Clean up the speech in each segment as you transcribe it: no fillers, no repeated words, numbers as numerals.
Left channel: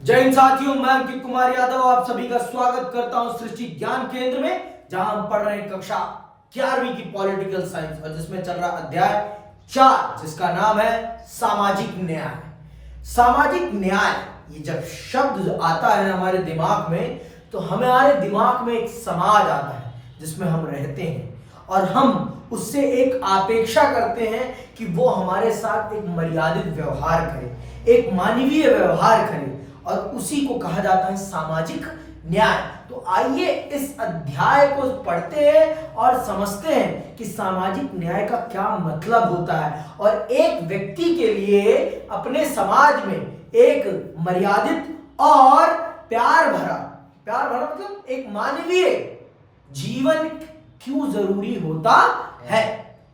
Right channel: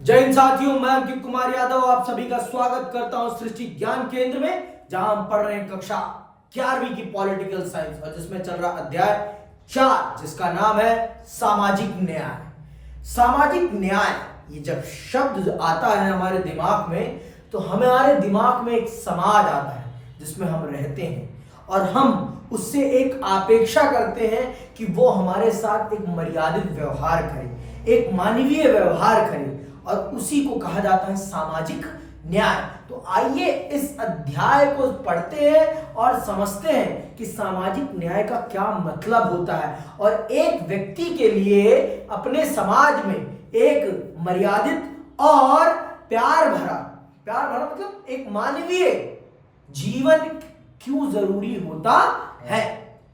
जय हिंद साथियों, मैं अंकित कुमार यादव आप सभी का स्वागत करता हूं सृष्टि ज्ञान केंद्र में, जहां हम पढ़ रहे हैं कक्षा 11वीं की पॉलिटिकल साइंस और जिसमें चल रहा अध्याय 4 जिसका नाम है सामाजिक न्याय। सामाजिक न्याय, ये जब शब्द आता है हमारे दिमाग में तो हमारे दिमाग में एक समाज आता है जिसमें हम रहते हैं और हम उससे एक अपेक्षा करते हैं कि वो हमारे साथ एक मर्यादित व्यवहार करे, एक मानवीय व्यवहार करे और उसी को कहा जाता है सामाजिक न्याय। तो आइए इस अध्याय को पढ़ते हैं और समझते हैं कि सामाजिक न्याय का क्या मतलब होता है और एक व्यक्ति के लिए अपने समाज में एक मर्यादित और प्यार भरा मतलब एक मानवीय जीवन क्यों जरूरी होता है,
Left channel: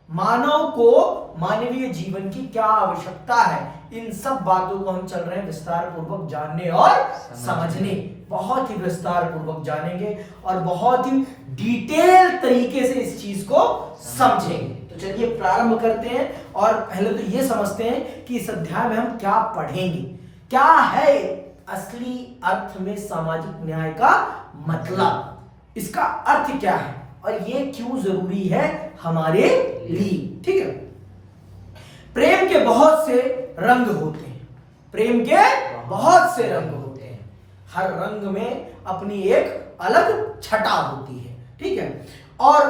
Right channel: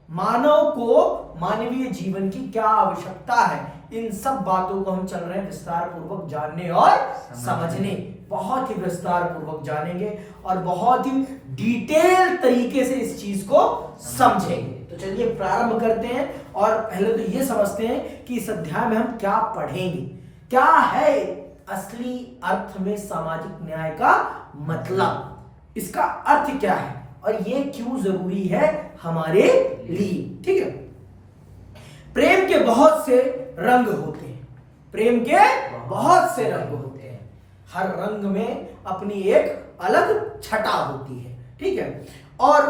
मानव को मानवीय जीवन की क्या आवश्यकता है। इन सब बातों को हम चल रहे हैं विस्तार पूर्वक जानने और समझने, बहुत ही विस्तार पूर्वक जानेंगे और बहुत ही डिटेल तरीके से इस चीज को समझेंगे। तो चलिए प्रारंभ करते हैं और पहले तो ये समझते हैं कि इस अध्याय में हम क्या पढ़ेंगे, क्या है असली अर्थ में सामाजिक न्याय का मतलब, इसका अर्थ क्या है और ये क्यों जरूरी है हमारे लिए। ठीक है, प्रेम के बहुत से रंग होते हैं, प्रेम के बहुत से रंग होते हैं, हर रंग में अपनी एक अलग छटा होती है। ठीक है, और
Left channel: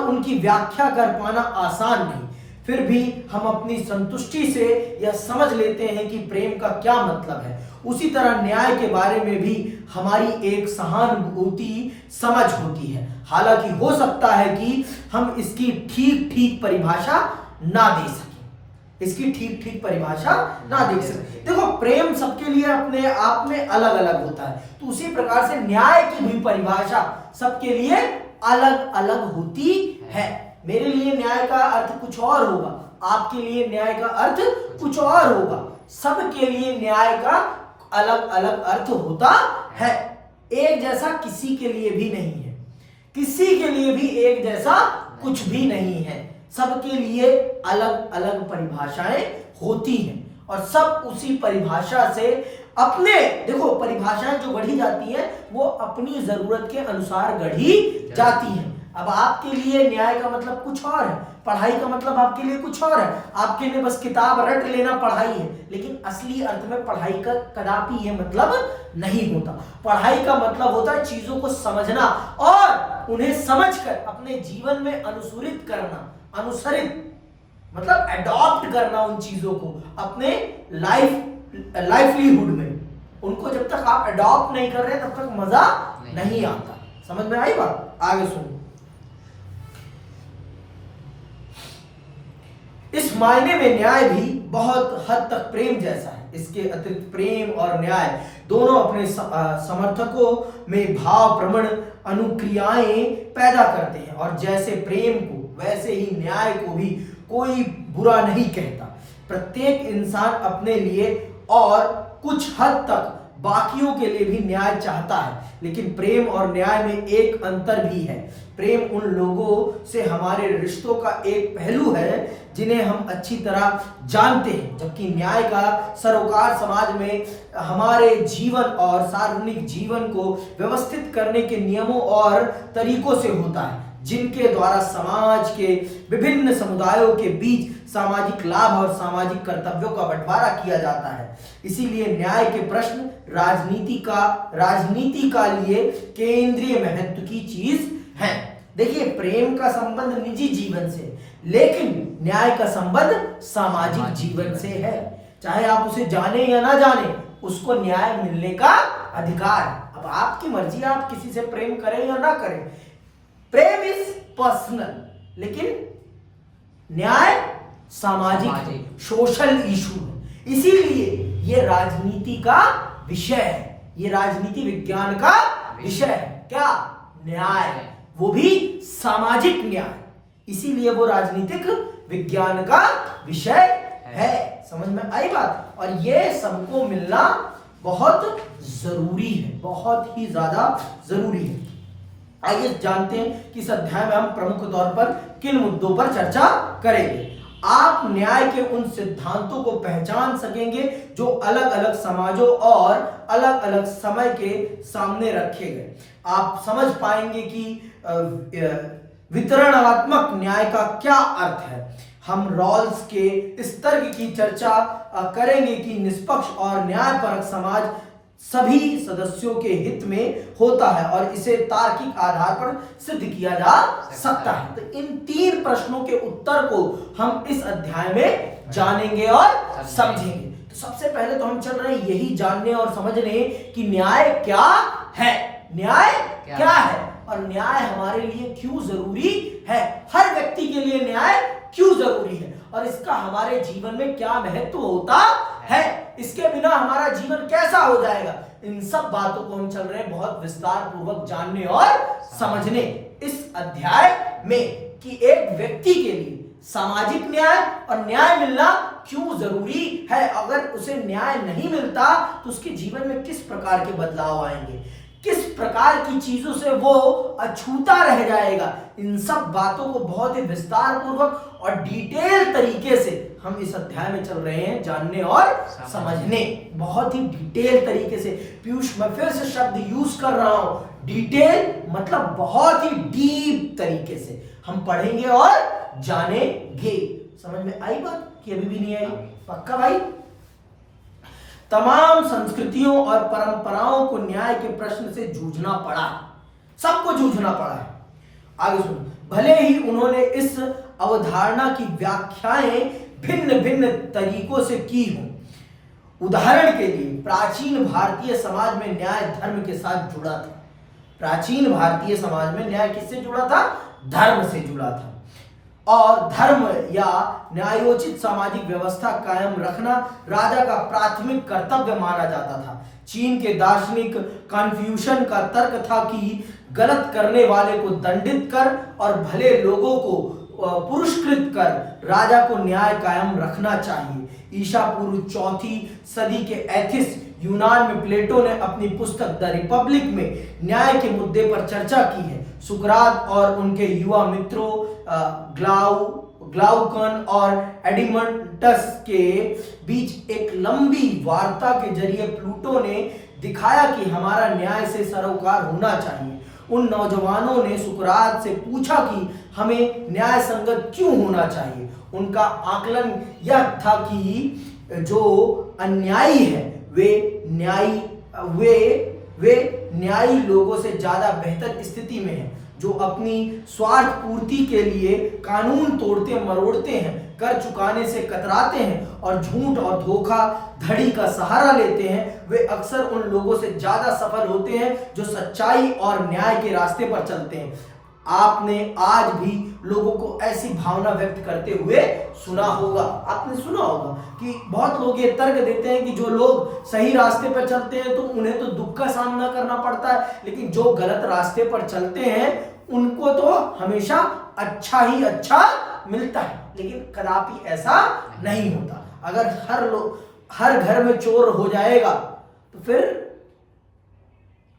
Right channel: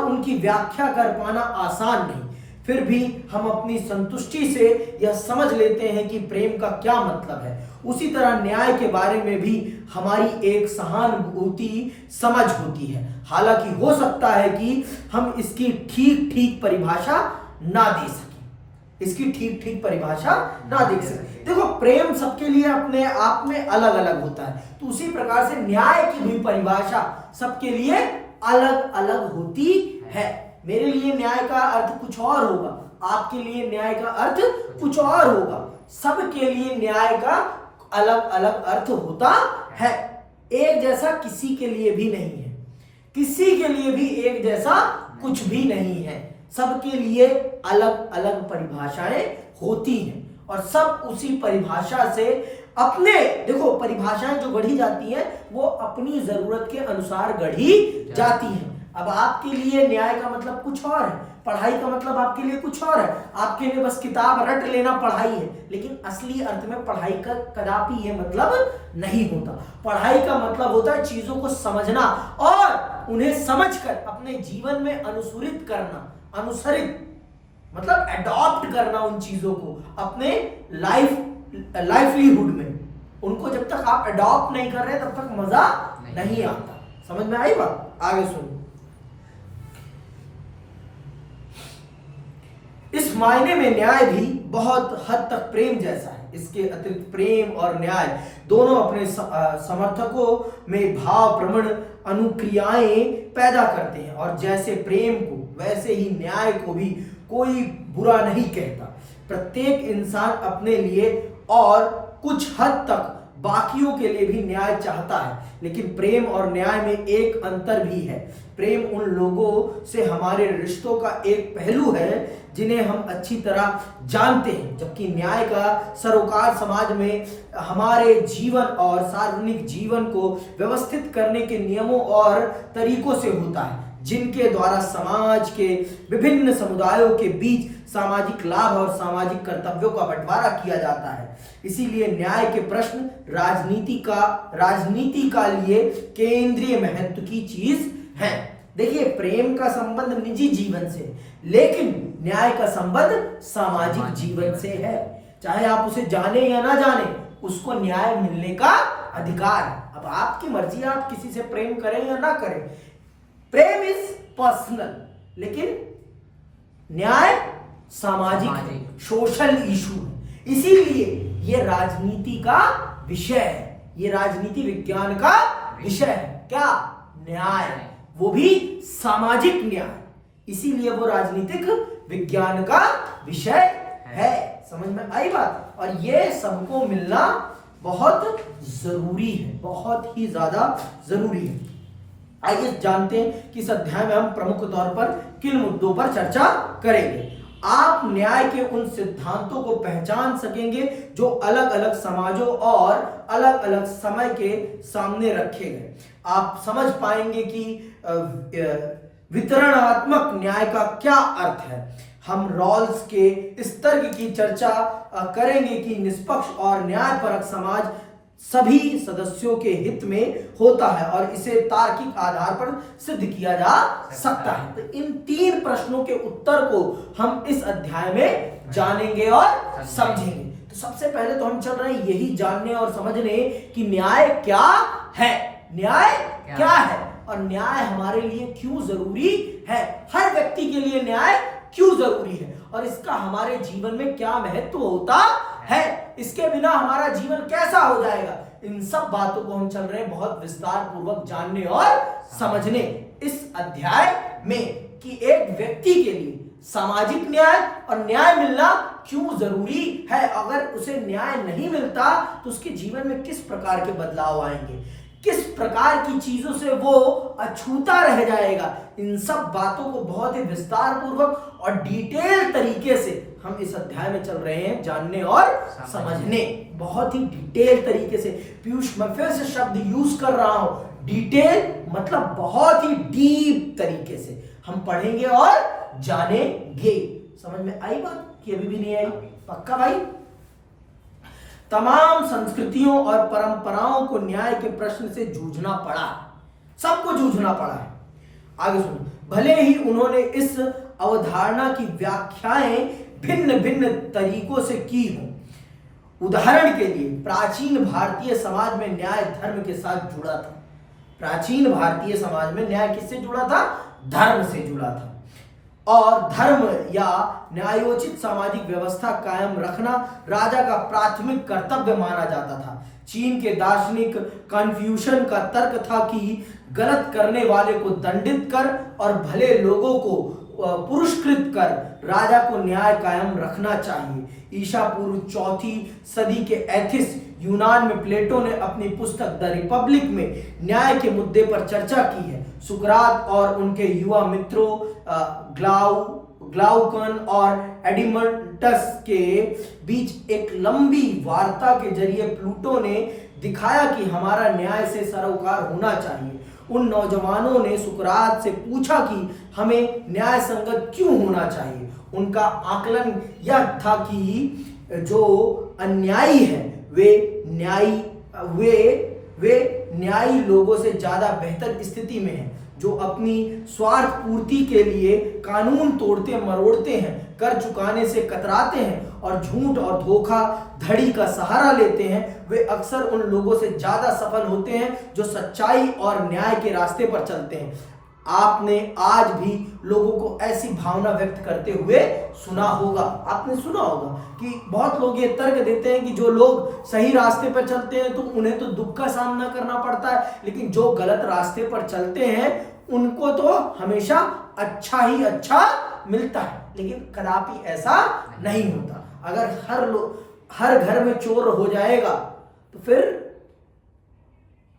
उनकी व्याख्या कर पाना आसान नहीं, फिर भी हम अपनी संतुष्टि से यह समझ लेते हैं कि प्रेम का क्या मतलब है। उसी तरह न्याय के बारे में भी हमारी एक सहानुभूति समझ होती है, हालांकि हो सकता है कि हम इसकी ठीक परिभाषा ना दे सकें, देखो प्रेम सबके लिए अपने आप में अलग अलग होता है, तो उसी प्रकार से न्याय की भी परिभाषा सबके लिए अलग अलग होती है। मेरे लिए न्याय का अर्थ कुछ और होगा, आपके लिए न्याय का अर्थ कुछ और होगा, सबके लिए न्याय का अलग अलग अर्थ होता है। एक जैसा किसी के लिए भी नहीं है, किसी के लिए भी एक जैसा कुछ भी नहीं है, सबके लिए अलग अलग परिभाषाएं होती हैं और सब उसी परिभाषा से अपने, देखो परिभाषाएं जो गढ़ी जाती हैं वो अपनी जरूरत के अनुसार गढ़ी जाती हैं। अब आपके लिए न्याय का मतलब कुछ और है, पढ़ाई का मतलब आपके लिए कुछ और है, आपके लिए बस किताब रट लेना पढ़ाई है, लेकिन असली अर्थ में पढ़ाई का कदापि ये मतलब नहीं होता। पढ़ाई का मतलब होता है चीजों को समझना और उन्हें समझकर अपने जीवन में अनुसरित मतलब एडॉप्ट करना उन चीजों को अपने लाइवलीहुड में। उनको जब तक आप एडॉप्ट नहीं कर रहे तब तक मजा नहीं आता। समझ में आई बात? आगे सुनो। इस मायने में न्याय भी बहुत हद तक प्रेम जैसा है। इसके अतिरिक्त प्रेम और न्याय दोनों अपने समर्थकों में भाव प्रवण अनुक्रियाएं पैदा करते हैं और जैसे प्रेम को वैसे ही न्याय को भी कोई बुरा नहीं कहता। प्रत्येक इंसान अपने लिए और कुछ हद तक बाकियों के लिए भी न्याय चाहता है, लेकिन प्रेम और न्याय में एक अंतर भी है। प्रेम उन लोगों से हमारे रिश्तों का एक पहलू है जिन्हें हम अच्छी तरह जानते हैं, जबकि न्याय का सरोकार समाज में हमारे जीवन और सार्वजनिक जीवन को व्यवस्थित करने के नियमों और तरीकों से होता है, जिनके द्वारा समाज के विभिन्न समुदायों के बीच सामाजिक लाभ और सामाजिक कर्तव्यों का बंटवारा किया जाता है। इसीलिए न्याय के प्रश्न राजनीति का लिए केंद्रीय महत्व की चीज है। देखिए प्रेम का संबंध निजी जीवन से, लेकिन न्याय का संबंध सामाजिक जीवन से है। चाहे आप उसे जाने या ना जाने, उसको न्याय मिलने का अधिकार है। अब आपकी मर्जी, आप किसी से प्रेम करें या ना करें। प्रेम इज पर्सनल, लेकिन न्याय सामाजिक सोशल इशू है। इसीलिए ये राजनीति का विषय है, ये राजनीति विज्ञान का विषय है। क्या? न्याय, वो भी सामाजिक न्याय, इसीलिए वो राजनीतिक विज्ञान का विषय है। समझ में आई बात? और ये सबको मिलना बहुत जरूरी है, बहुत ही ज्यादा जरूरी है। आइए जानते हैं कि इस अध्याय में हम प्रमुख तौर पर किन मुद्दों पर चर्चा करेंगे। आप न्याय के उन सिद्धांतों को पहचान सकेंगे जो अलग अलग समाजों और अलग अलग समय के सामने रखे गए। आप समझ पाएंगे कि वितरणात्मक न्याय का क्या अर्थ है। हम रॉल्स के इस तर्क की चर्चा करेंगे कि निष्पक्ष और न्यायपरक समाज सभी सदस्यों के हित में होता है और इसे तार्किक आधार पर सिद्ध किया जा सकता है। तो इन 3 प्रश्नों के उत्तर को हम इस अध्याय में जानेंगे और समझेंगे। तो सबसे पहले तो हम चल रहे हैं यही जानने और समझने कि न्याय क्या है। न्याय क्या है और न्याय हमारे लिए क्यों जरूरी है। हर व्यक्ति के लिए न्याय क्यों जरूरी है और इसका हमारे जीवन में क्या महत्व होता है। इसके बिना हमारा जीवन कैसा हो जाएगा। इन सब बातों को हम चल रहे हैं बहुत विस्तार पूर्वक जानने और समझने इस अध्याय में कि एक व्यक्ति के लिए सामाजिक न्याय और न्याय मिलना क्यों जरूरी है। अगर उसे न्याय नहीं मिलता तो उसके जीवन में किस प्रकार के बदलाव आएंगे, किस प्रकार की चीजों से वो अछूता रह जाएगा। इन सब बातों को बहुत ही विस्तार पूर्वक और डिटेल तरीके से हम इस अध्याय में चल रहे हैं जानने और समझने। बहुत ही डिटेल तरीके से, पीयूष मैं फिर से शब्द यूज कर रहा हूं, डिटेल मतलब बहुत ही डीप तरीके से हम पढ़ेंगे और जानेंगे। समझ में आई बात कि अभी भी नहीं आई? पक्का भाई? तमाम संस्कृतियों और परंपराओं को न्याय के प्रश्न से जूझना पड़ा, सबको जूझना पड़ा है। आगे सुनो, भले ही उन्होंने इस अवधारणा की व्याख्याएं भिन्न भिन्न तरीकों से की हों। उदाहरण के लिए प्राचीन भारतीय समाज में न्याय धर्म के साथ जुड़ा था। प्राचीन भारतीय समाज में न्याय किससे जुड़ा था? धर्म से जुड़ा था और धर्म या न्यायोचित सामाजिक व्यवस्था कायम रखना राजा का प्राथमिक कर्तव्य माना जाता था। चीन के दार्शनिक कन्फ्यूशन का तर्क था कि गलत करने वाले को दंडित कर और भले लोगों को पुरस्कृत कर राजा को न्याय कायम रखना चाहिए। ईसा पूर्व 4वीं सदी के एथिस यूनान में प्लेटो ने अपनी पुस्तक द रिपब्लिक में न्याय के मुद्दे पर चर्चा की है। सुकरात और उनके युवा मित्रों ग्लाउकन और एडिमंटस के बीच एक लंबी वार्ता के जरिए प्लूटो ने दिखाया कि हमारा न्याय से सरोकार होना चाहिए। उन नौजवानों ने सुकरात से पूछा कि हमें न्याय संगत क्यों होना चाहिए। उनका आकलन यह था कि जो अन्यायी है वे न्यायी लोगों से ज्यादा बेहतर स्थिति में हैं, जो अपनी स्वार्थ पूर्ति के लिए कानून तोड़ते मरोड़ते हैं, कर चुकाने से कतराते हैं और झूठ और धोखाधड़ी का सहारा लेते हैं। वे अक्सर उन लोगों से ज्यादा सफल होते हैं जो सच्चाई और न्याय के रास्ते पर चलते हैं। आपने आज भी लोगों को ऐसी भावना व्यक्त करते हुए सुना होगा। आपने सुना होगा कि बहुत लोग ये तर्क देते हैं कि जो लोग सही रास्ते पर चलते हैं तो उन्हें तो दुख का सामना करना पड़ता है, लेकिन जो गलत रास्ते पर चलते हैं उनको तो हमेशा अच्छा ही अच्छा मिलता है। लेकिन कदापि ऐसा नहीं होता। अगर हर घर में चोर हो जाएगा तो फिर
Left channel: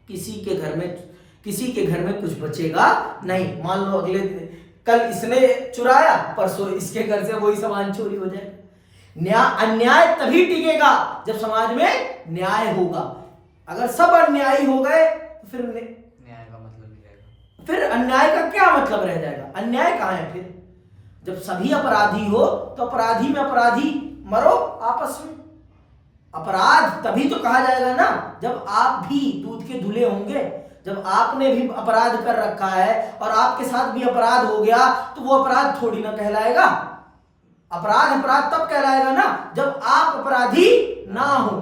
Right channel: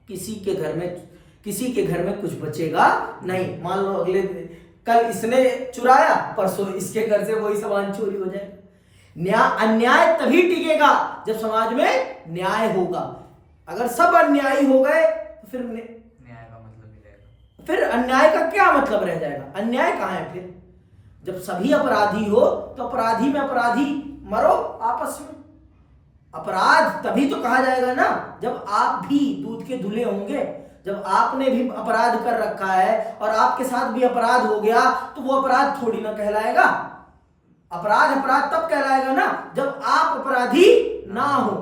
किसी के घर में कुछ बचेगा नहीं। मान लो अगले कल इसने चुराया, परसों इसके घर से वही सामान चोरी हो जाएगा। अन्याय तभी टिकेगा जब समाज में न्याय होगा। अगर सब अन्यायी हो गए तो फिर न्याय का मतलब नहीं रहेगा। फिर अन्याय का क्या मतलब रह जाएगा? अन्याय कहाँ है फिर? जब सभी अपराधी हो तो अपराधी में अपराधी मरो आपस में। अपराध तभी तो कहा जाएगा ना जब आप भी दूध के धुले होंगे। जब आपने भी अपराध कर रखा है और आपके साथ भी अपराध हो गया तो वो अपराध थोड़ी ना कहलाएगा। अपराध तब कहलाएगा ना जब आप अपराधी ना हो।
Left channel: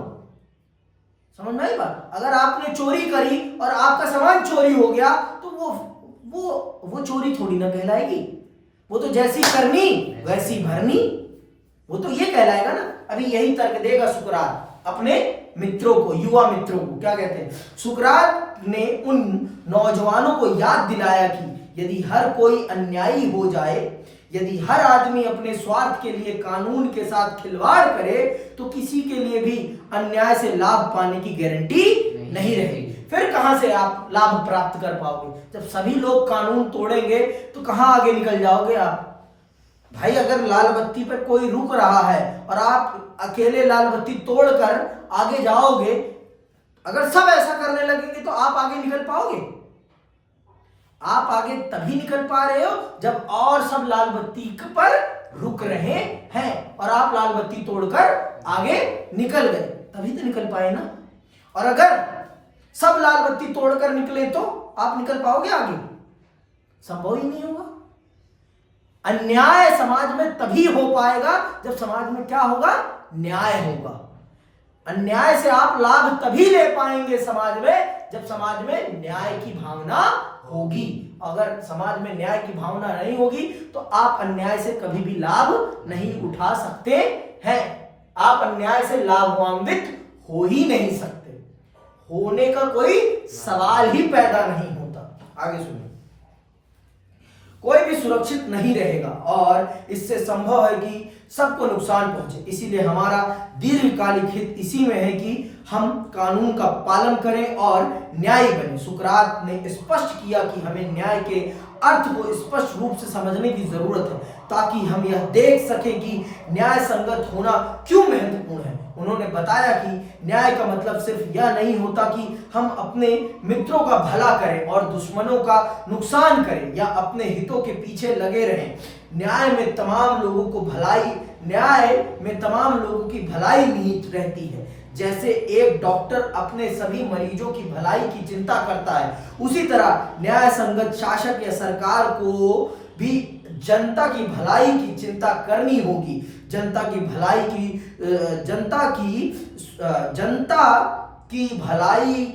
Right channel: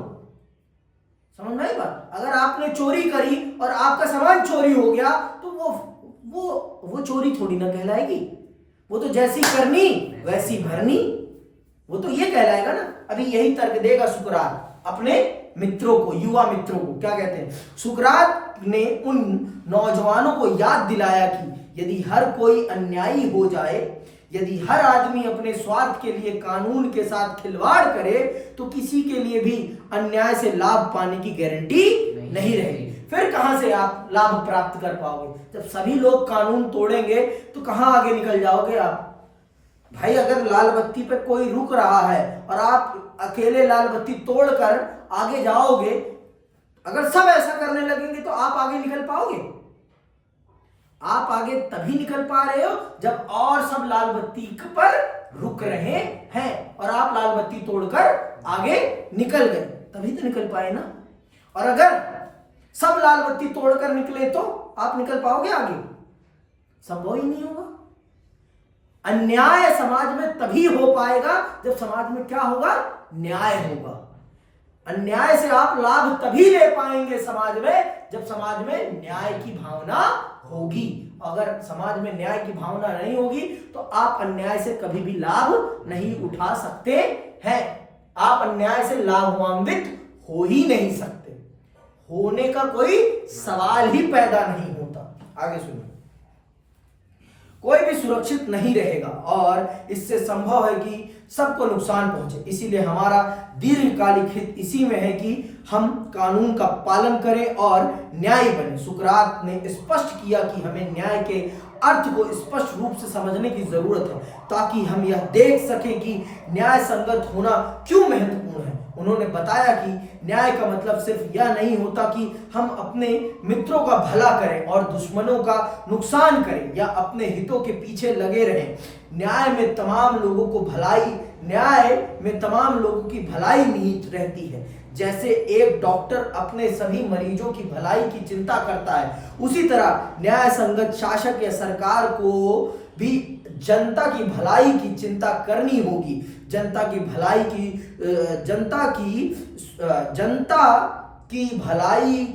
समझ में आई बात? अगर आपने चोरी करी और आपका सामान चोरी हो गया तो वो चोरी थोड़ी ना कहलाएगी। वो तो जैसी करनी वैसी भरनी, वो तो ये कहलाएगा ना। अभी यही तर्क देगा सुकरात अपने मित्रों को, युवा मित्रों को। क्या कहते हैं? सुकरात ने उन नौजवानों को याद दिलाया कि यदि हर कोई अन्यायी हो जाए, यदि हर आदमी अपने स्वार्थ के लिए कानून के साथ खिलवाड़ करे तो किसी के लिए भी अन्याय से लाभ पाने की गारंटी नहीं रहेगी। फिर कहां से आप लाभ प्राप्त कर पाओगे? जब सभी लोग कानून तोड़ेंगे तो कहां आगे निकल जाओगे आप? भाई अगर लाल बत्ती पर कोई रुक रहा है और आप अकेले लाल बत्ती तोड़कर आगे जाओगे, अगर सब ऐसा करने लगेंगे तो आप आगे निकल पाओगे? आप आगे तभी निकल पा रहे हो जब और सब लाल बत्ती पर रुक रहे हैं और आप लाल बत्ती तोड़कर आगे निकल गए, तभी तो निकल पाए ना। और अगर सब लाल बत्ती तोड़कर निकले तो आप निकल पाओगे आगे? संभव ही नहीं होगा। अन्याय समाज में तभी हो पाएगा जब समाज में क्या होगा? न्याय होगा। अन्याय से आप लाभ तभी ले पाएंगे समाज में जब समाज में न्याय की भावना होगी। अगर समाज में न्याय की भावना नहीं होगी तो आप अन्याय से कभी भी लाभ नहीं उठा सकते हैं। आप अन्याय से लाभान्वित हो ही नहीं सकते, होने का कोई सवाल ही पैदा नहीं होता। आगे सुनिए, कोई भी सुरक्षित नहीं रहेगा और इससे संभव है कि सबको नुकसान पहुंचे। इसीलिए हमारा दीर्घकालिक हित इसी में है कि हम कानून का पालन करें और न्यायी बने। सुकरात ने स्पष्ट किया कि हमें न्याय के अर्थ को स्पष्ट रूप से समझने की जरूरत है ताकि हम यह देख सकें कि न्याय संगत होना क्यों महत्वपूर्ण है। उन्होंने बताया कि न्याय का मतलब सिर्फ यह नहीं होता कि हम अपने मित्रों का भला करें और दुश्मनों का नुकसान करें या अपने हितों के पीछे लगे रहें। न्याय में तमाम लोगों की भलाई निहित रहती है। जैसे एक डॉक्टर अपने सभी मरीजों की भलाई की चिंता करता है, उसी तरह न्याय संगत शासक या सरकार को भी जनता की भलाई की चिंता करनी होगी। जनता की भलाई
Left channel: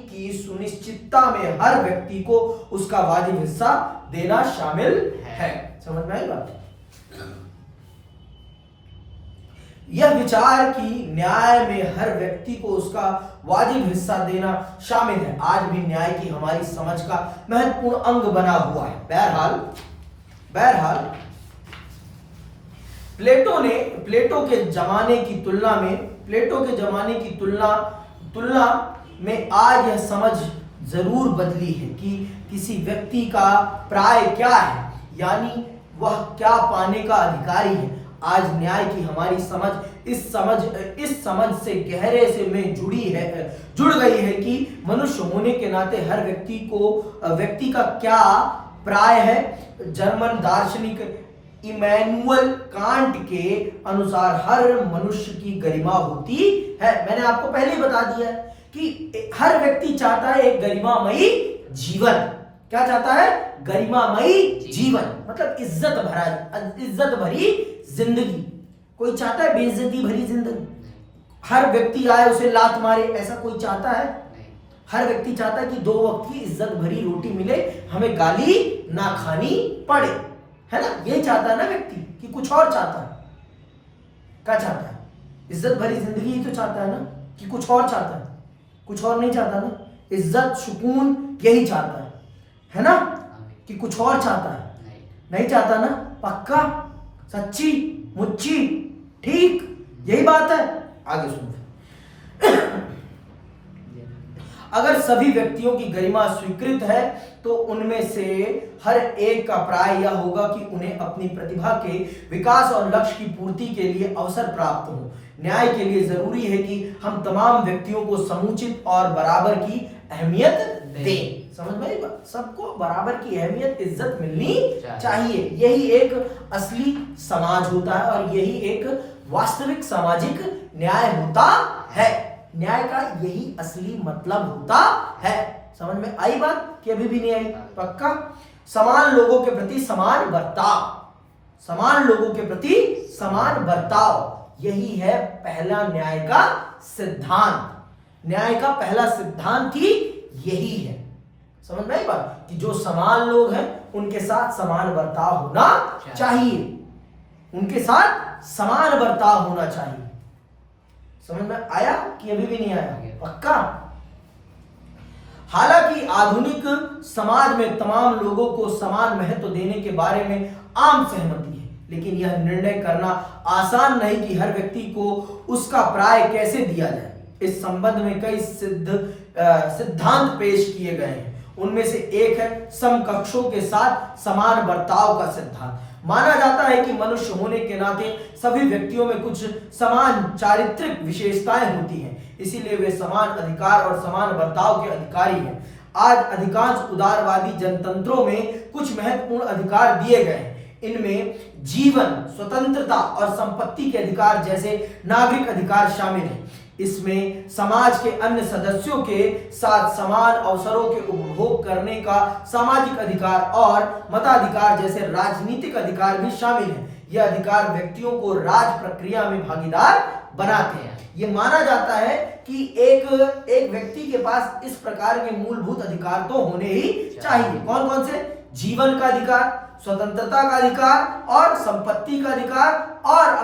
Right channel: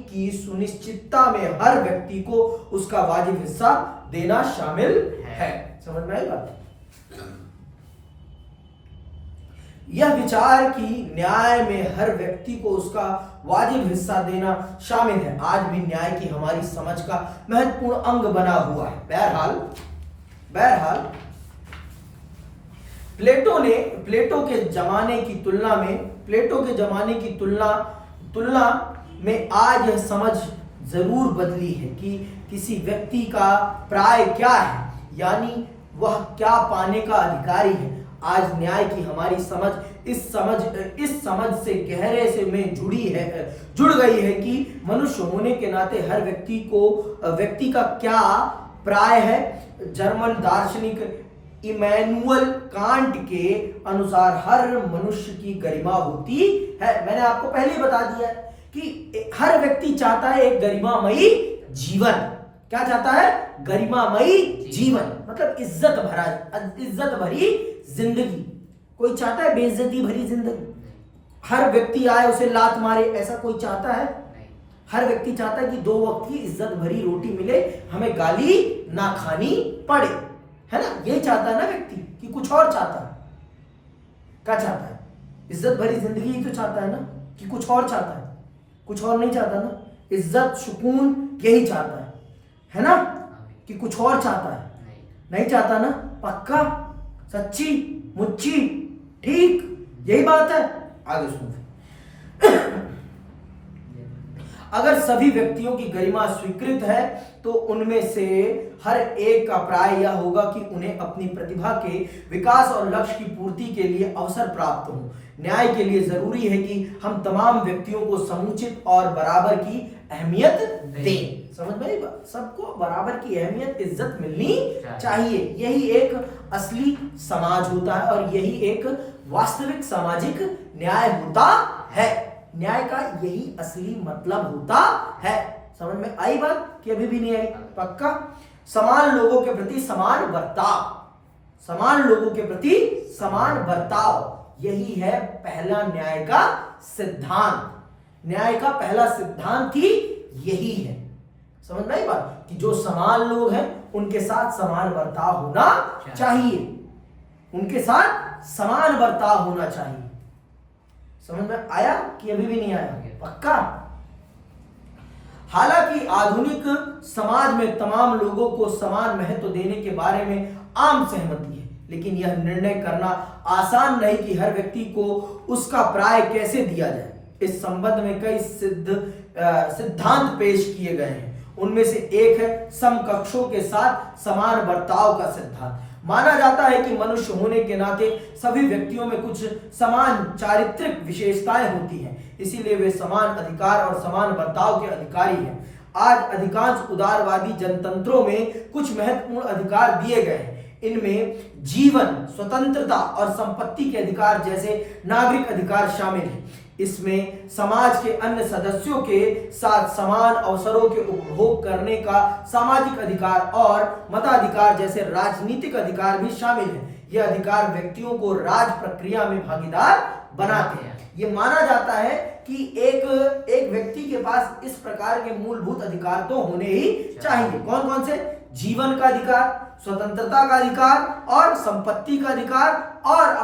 की सुनिश्चितता में हर व्यक्ति को उसका वाजिब हिस्सा देना शामिल है। समझ में आई बात? यह विचार कि न्याय में हर व्यक्ति को उसका वाजिब हिस्सा देना शामिल है आज भी न्याय की हमारी समझ का महत्वपूर्ण अंग बना हुआ है। बहरहाल प्लेटो के जमाने की तुलना में आज यह समझ जरूर बदली है कि किसी व्यक्ति का प्राय क्या है, यानी वह क्या पाने का अधिकारी है। आज न्याय की हमारी समझ इस समझ से गहरे से में जुड़ गई है कि मनुष्य होने के नाते हर व्यक्ति का क्या प्राय है। जर्मन दार्शनिक इमैनुअल कांट के अनुसार हर मनुष्य की गरिमा होती है। मैंने आपको पहले ही बता दिया है कि हर व्यक्ति चाहता है एक गरिमामयी जीवन। क्या चाहता है? गरिमामयी जीवन, मतलब इज्जत भरी जिंदगी। कोई चाहता है बेइज्जती भरी जिंदगी? हर व्यक्ति आए उसे लात मारे, ऐसा कोई चाहता है? हर व्यक्ति चाहता है कि 2 वक्त की इज्जत भरी रोटी मिले, हमें गाली ना खानी पड़े, है ना? ये चाहता है ना व्यक्ति, कि कुछ और चाहता है? क्या चाहता है? इज्जत भरी जिंदगी ही तो चाहता है ना, कि कुछ और चाहता है? कुछ और नहीं चाहता ना। इज्जत सुकून यही चाहता है ना? कि कुछ और चाहता है? नहीं चाहता ना। पक्का, सच्ची, मुच्ची, ठीक, यही बात है। आगे सुनो। अगर सभी व्यक्तियों की गरिमा स्वीकृत है तो उनमें से हर एक का प्राय यह होगा कि उन्हें अपनी प्रतिभा के विकास और लक्ष्य की पूर्ति के लिए अवसर प्राप्त हो। न्याय के लिए जरूरी है कि हम तमाम व्यक्तियों को समुचित और बराबर की अहमियत दें। समझ में आई बात? सबको बराबर की अहमियत, इज्जत मिलनी चाहिए। यही एक असली समाज होता है और यही एक वास्तविक सामाजिक न्याय होता है। न्याय का यही असली मतलब होता है। समझ में आई बात कि अभी भी नहीं आई? पक्का। समान लोगों के प्रति समान बर्ताव, यही है पहला न्याय का सिद्धांत। न्याय का पहला सिद्धांत ही यही है। समझ में आई बात? कि जो समान लोग हैं उनके साथ समान बर्ताव होना चाहिए। उनके साथ समान बर्ताव होना चाहिए। समझ में आया कि अभी भी नहीं आया? पक्का। हालांकि आधुनिक समाज में तमाम लोगों को समान महत्व देने के बारे में आम सहमति है, लेकिन यह निर्णय करना आसान नहीं कि हर व्यक्ति को उसका प्राय कैसे दिया जाए। इस संबंध में कई सिद्धांत पेश किए गए हैं। उनमें से एक है समकक्षों के साथ समान बर्ताव का सिद्धांत। माना जाता है कि मनुष्य होने के नाते सभी व्यक्तियों में कुछ समान चारित्रिक विशेषताएं होती हैं, इसीलिए वे समान अधिकार और समान बर्ताव के अधिकारी हैं। आज अधिकांश उदारवादी जनतंत्रों में कुछ महत्वपूर्ण अधिकार दिए गए हैं। इनमें जीवन, स्वतंत्रता और संपत्ति के अधिकार जैसे नागरिक अधिकार शामिल हैं। इसमें समाज के अन्य सदस्यों के साथ समान अवसरों के उपभोग करने का सामाजिक अधिकार और मताधिकार जैसे राजनीतिक अधिकार भी शामिल हैं। यह अधिकार व्यक्तियों को राज प्रक्रिया में भागीदार बनाते हैं। ये माना जाता है कि एक व्यक्ति के पास इस प्रकार के मूलभूत अधिकार तो होने ही चाहिए। कौन कौन से? जीवन का अधिकार, स्वतंत्रता का अधिकार और संपत्ति का अधिकार और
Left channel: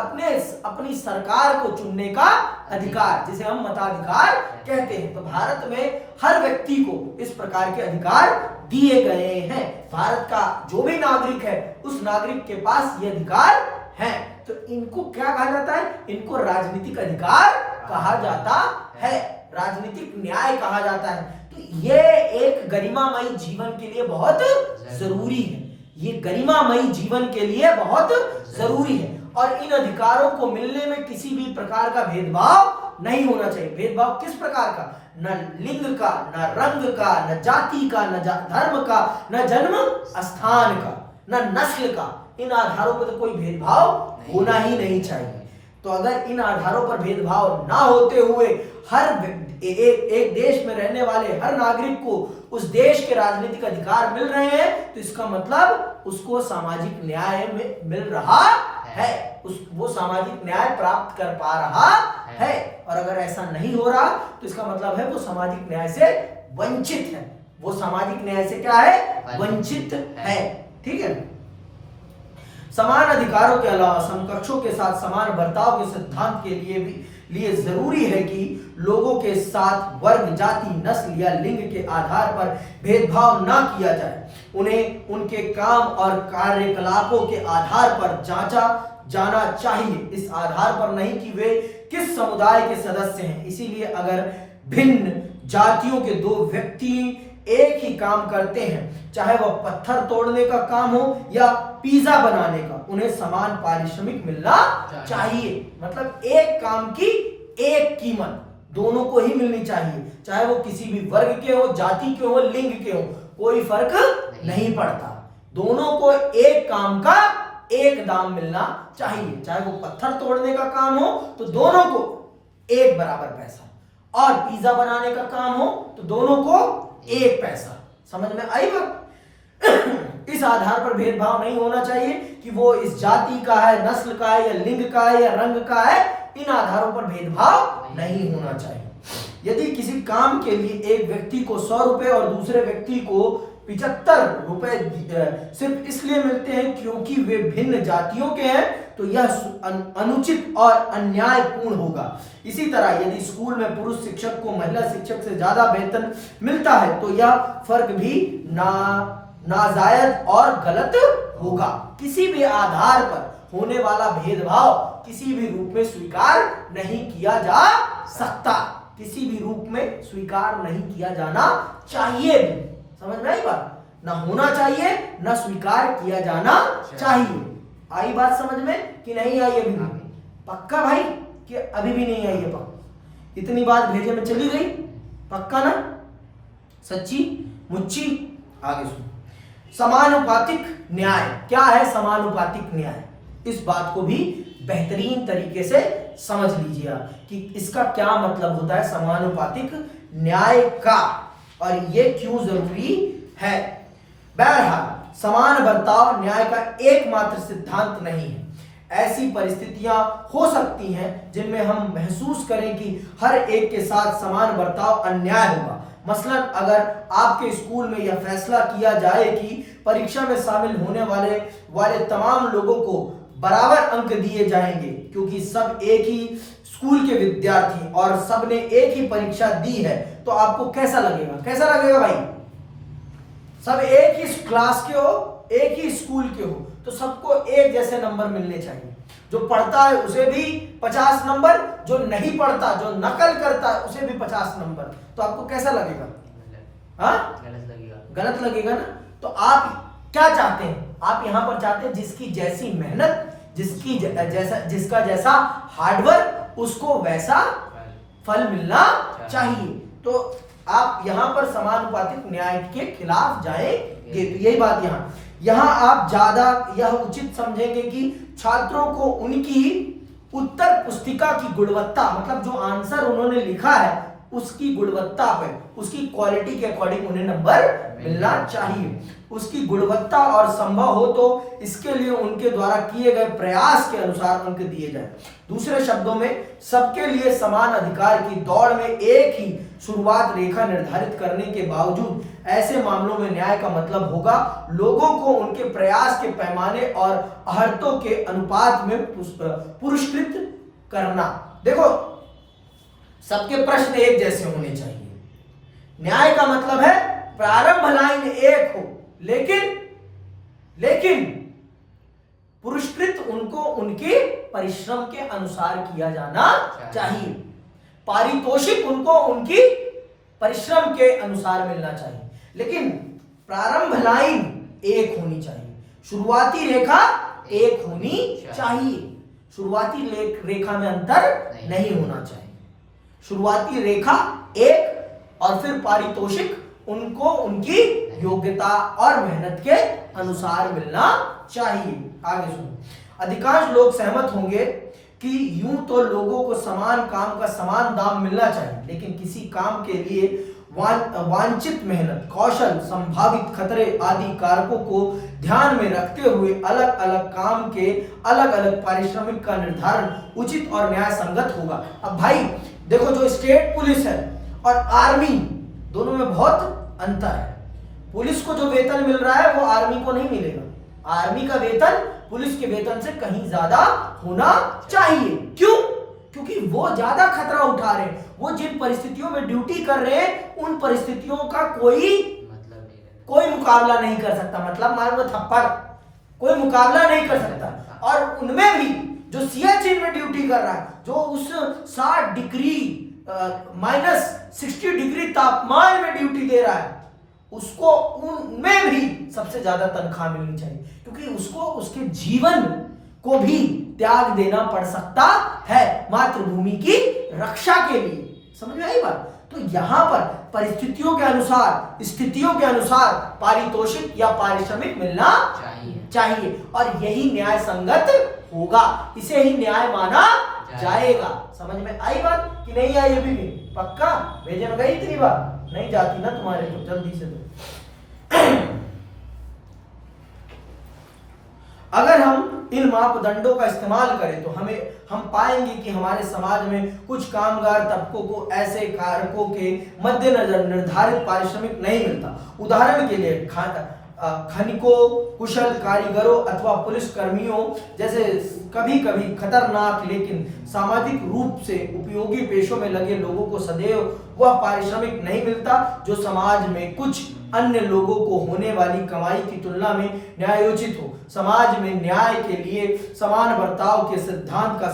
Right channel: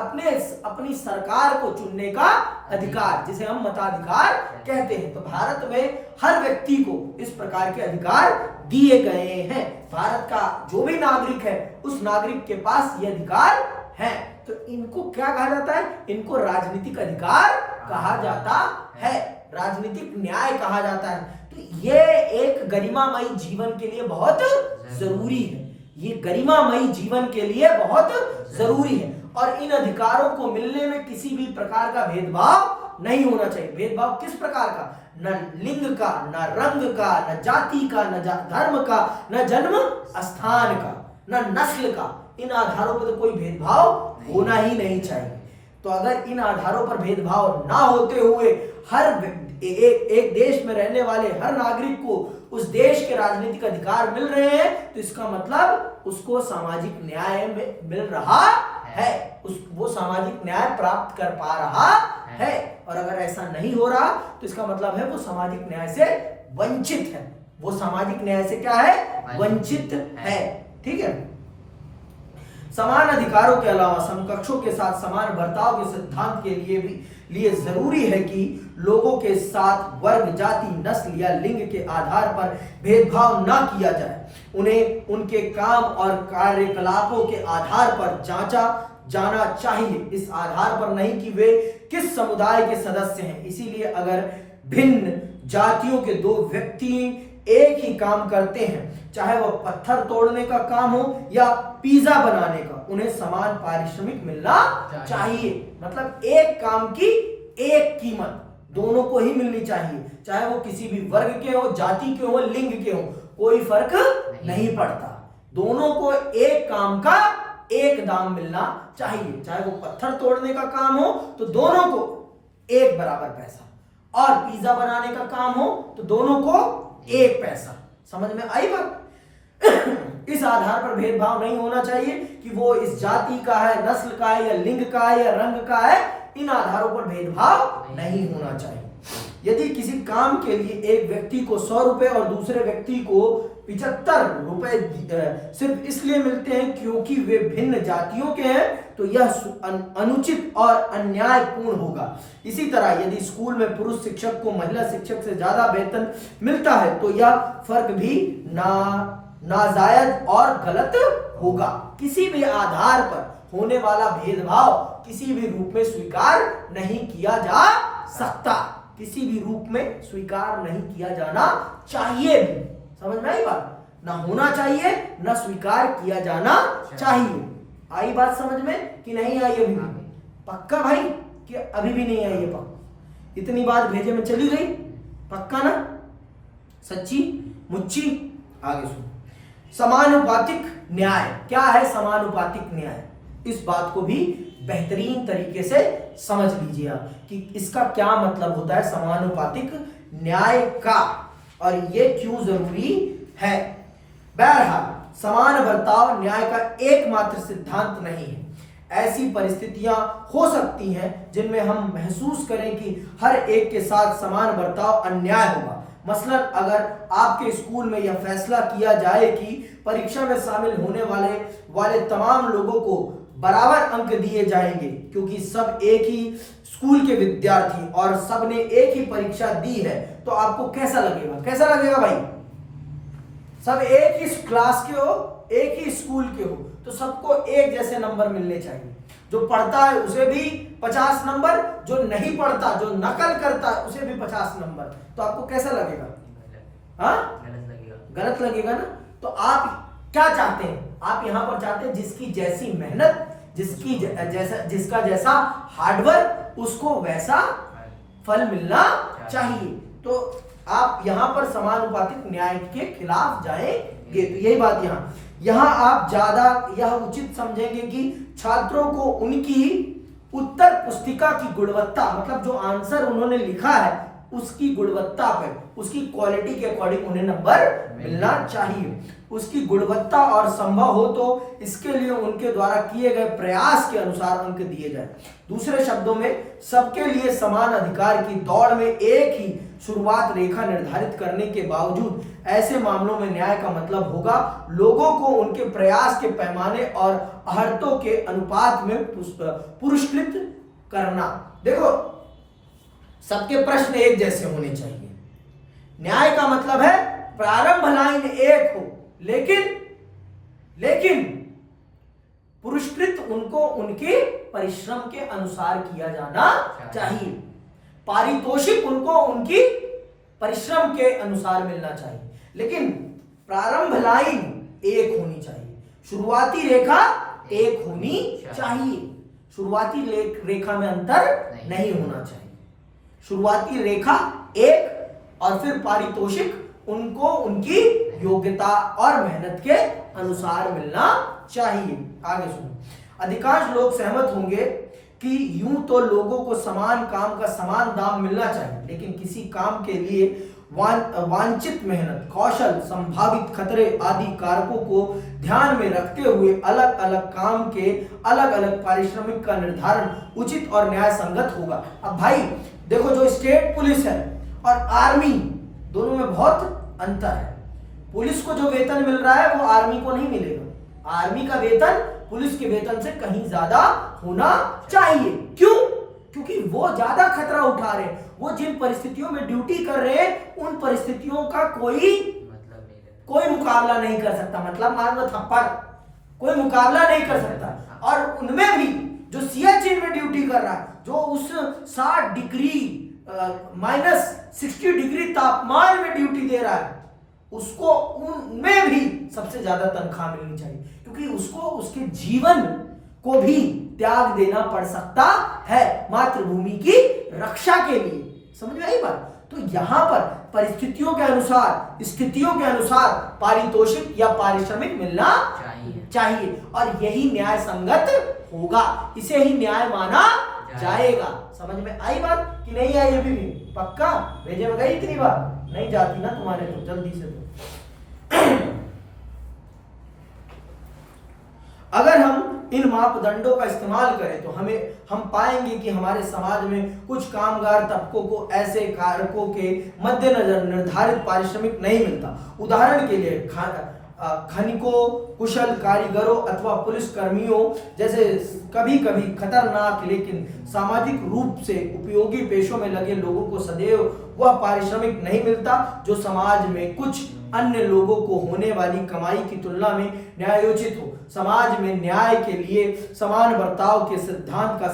अपनी सरकार को चुनने का अधिकार, जिसे हम मताधिकार कहते हैं। तो भारत में हर व्यक्ति को इस प्रकार के अधिकार दिए गए हैं। भारत का जो भी नागरिक है उस नागरिक के पास ये अधिकार है। तो इनको क्या कहा जाता है? इनको राजनीतिक अधिकार कहा जाता है, राजनीतिक न्याय कहा जाता है। तो ये एक गरिमामयी जीवन के लिए बहुत जरूरी है। ये गरिमामयी जीवन के लिए बहुत जरूरी है और इन अधिकारों को मिलने में किसी भी प्रकार का भेदभाव नहीं होना चाहिए। भेदभाव किस प्रकार का? न लिंग का, न रंग का, न जाति का, न धर्म का, न जन्म स्थान का, न नस्ल का। इन आधारों पर तो कोई भेदभाव होना ही नहीं चाहिए। तो अगर इन आधारों पर भेदभाव ना होते हुए हर एक देश में रहने वाले हर नागरिक को उस देश के राजनीतिक अधिकार मिल रहे हैं, तो इसका मतलब उसको सामाजिक न्याय में मिल रहा है, वो सामाजिक न्याय प्राप्त कर पा रहा है। और अगर ऐसा नहीं हो रहा तो इसका मतलब है वो सामाजिक न्याय से वंचित है। वो सामाजिक न्याय से क्या है? वंचित है। ठीक है। समान अधिकारों के अलावा समकक्षों के साथ समान बर्ताव के सिद्धांत के लिए जरूरी है कि लोगों के साथ वर्ग, जाति, नस्ल या लिंग के आधार पर भेदभाव ना किया जाए। उन्हें उनके काम और कार्यकलापों के आधार पर जांचा जाना चाहिए, इस आधार पर नहीं कि वे किस समुदाय के सदस्य हैं। इसीलिए अगर भिन्न जातियों के दो व्यक्ति एक ही काम करते हैं, चाहे वह पत्थर तोड़ने का काम हो या पिज्जा बनाने का, उन्हें समान पारिश्रमिक मिलना चाहिए। मतलब एक काम की एक कीमत दोनों को ही मिलनी चाहिए, चाहे वो किसी भी वर्ग के हो, जाति के हो, लिंग के हो, कोई फर्क नहीं पड़ता। दोनों को एक काम का एक दाम मिलना चाहिए। चाहे वो पत्थर तोड़ने का काम हो तो दोनों को एक बराबर पैसा, और पिज्जा बनाने का काम हो तो दोनों को एक पैसा। समझ में आई बात? इस आधार पर भेदभाव नहीं होना चाहिए कि वो इस जाति का है, नस्ल का है, या लिंग का है, या रंग का है। इन आधारों पर भेदभाव नहीं होना चाहिए। यदि किसी काम के लिए एक व्यक्ति को 100 रुपए और दूसरे व्यक्ति को 75 रुपए सिर्फ इसलिए मिलते हैं क्योंकि वे भिन्न जातियों के हैं, तो यह अनुचित और अन्यायपूर्ण होगा। इसी तरह यदि स्कूल में पुरुष शिक्षक को महिला शिक्षक से ज्यादा वेतन मिलता है तो यह फर्क भी नाजायज और गलत होगा। किसी भी आधार पर होने वाला भेदभाव किसी भी रूप में स्वीकार नहीं किया जा सकता, किसी भी रूप में स्वीकार नहीं किया जाना चाहिए भी। समझ में आई बात? ना होना चाहिए, ना स्वीकार किया जाना चाहिए। आई बात समझ में कि नहीं आई? अभी पक्का भाई कि अभी भी नहीं आई है? पक्का इतनी बात भेजे में चली गई? पक्का ना? सच्ची मुच्ची? आगे सुनो। समानुपातिक न्याय क्या है? समानुपातिक न्याय, इस बात को भी बेहतरीन तरीके से समझ लीजिए कि इसका क्या मतलब होता है समानुपातिक न्याय का, और ये क्यों जरूरी है। बहरहाल समान बर्ताव न्याय का एकमात्र सिद्धांत नहीं है। ऐसी परिस्थितियां हो सकती हैं जिनमें हम महसूस करें कि हर एक के साथ समान बर्ताव अन्याय होगा। मसलन अगर आपके स्कूल में यह फैसला किया जाए कि परीक्षा में शामिल होने वाले तमाम लोगों को बराबर अंक दिए जाएंगे क्योंकि सब एक ही स्कूल के विद्यार्थी और सब ने एक ही परीक्षा दी है, तो आपको कैसा लगेगा? कैसा लगेगा भाई? सब एक ही क्लास के हो, एक ही स्कूल के हो, तो सबको एक जैसे नंबर मिलने चाहिए। जो पढ़ता है उसे भी 50 नंबर, जो नहीं पढ़ता, जो नकल करता है उसे भी 50 नंबर। तो आपको कैसा लगेगा? हाँ, गलत लगेगा ना? तो आप क्या चाहते हैं? आप यहाँ पर चाहते हैं जिसकी जैसी मेहनत, जिसका जैसा हार्डवर्क, उसको वैसा फल मिलना चाहिए। तो आप यहाँ पर समानुपातिक न्याय के खिलाफ जाएंगे। तो यही बात यहाँ आप ज्यादा यह उचित समझेंगे कि छात्रों को उनकी उत्तर पुस्तिका की गुणवत्ता, मतलब जो आंसर उन्होंने लिखा है उसकी गुणवत्ता पे, उसकी क्वालिटी के अकॉर्डिंग उन्हें नंबर मिलना चाहिए। उसकी गुणवत्ता और संभव हो तो इसके लिए उनके द्वारा किए गए प्रयास के अनुसार अंक दिए जाए। दूसरे शब्दों में, सबके लिए समान अधिकार की दौड़ में एक ही शुरुआत रेखा निर्धारित करने के बावजूद ऐसे मामलों में न्याय का मतलब होगा लोगों को उनके प्रयास के पैमाने और अहर्तों के अनुपात में पुरस्कृत करना। देखो, सबके प्रश्न एक जैसे होने चाहिए। न्याय का मतलब है प्रारंभ लाइन एक हो, लेकिन पुरस्कृत उनको उनके परिश्रम के अनुसार किया जाना चाहिए। पारितोषिक उनको उनकी परिश्रम के अनुसार मिलना चाहिए, लेकिन प्रारंभ लाइन एक होनी चाहिए, शुरुआती रेखा एक होनी चाहिए। शुरुआती रेखा में अंतर नहीं होना चाहिए। शुरुआती रेखा एक और फिर पारितोषिक उनको उनकी योग्यता और मेहनत के अनुसार मिलना चाहिए। आगे सुनो, अधिकांश लोग सहमत होंगे कि यूं तो लोगों को समान काम का समान दाम मिलना चाहिए, लेकिन किसी काम के लिए वांछित मेहनत, कौशल, संभावित खतरे आदि कारकों को ध्यान में रखते हुए अलग अलग काम के अलग अलग पारिश्रमिक का निर्धारण उचित और न्याय संगत होगा। अब भाई देखो, जो स्टेट पुलिस है और आर्मी, दोनों में बहुत अंतर है। पुलिस को जो वेतन मिल रहा है वो आर्मी को नहीं मिलेगा। आर्मी का वेतन पुलिस के वेतन से कहीं ज्यादा होना चाहिए। क्यों? क्योंकि वो ज्यादा खतरा उठा रहे हैं। वो जिन परिस्थितियों में ड्यूटी कर रहे हैं उन परिस्थितियों का कोई मुकाबला नहीं कर सकता। मतलब मारो थप्पड़, कोई मुकाबला नहीं कर सकता। और उनमें भी जो सियाचिन में ड्यूटी कर रहा है, जो उस 60 डिग्री -60 डिग्री तापमान में ड्यूटी दे रहा है, उसको उनमें भी सबसे ज्यादा तनख्वाह मिलनी चाहिए, क्योंकि उसको उसके जीवन को भी त्याग देना पड़ सकता है मातृभूमि की रक्षा के लिए। समझ में आई बात? तो यहां पर परिस्थितियों के अनुसार, स्थितियों के अनुसार पारितोषिक या पारिश्रमिक मिलना चाहिए और यही न्याय संगत होगा, इसे ही न्याय माना जाएगा। समझ में आई बात कि नहीं आई? अभी भी पक्का भेजे में गई इतनी बार नहीं जाती ना तुम्हारे, तो जल्दी से दो। अगर हम इन मापदंडों का इस्तेमाल करें तो हम पाएंगे कि हमारे समाज में कुछ कामगार तबकों को ऐसे कारकों के मद्देनजर निर्धारित पारिश्रमिक नहीं मिलता। उदाहरण के लिए खनिकों, कुशल कारीगरों अथवा पुलिस कर्मियों जैसे कभी कभी खतरनाक लेकिन सामाजिक रूप से उपयोगी पेशों में लगे लोगों को सदैव वह पारिश्रमिक नहीं मिलता जो समाज में कुछ अन्य लोगों को होने वाली कमाई की तुलना में न्यायोचित हो। समाज में न्याय के लिए समान बर्ताव के सिद्धांत का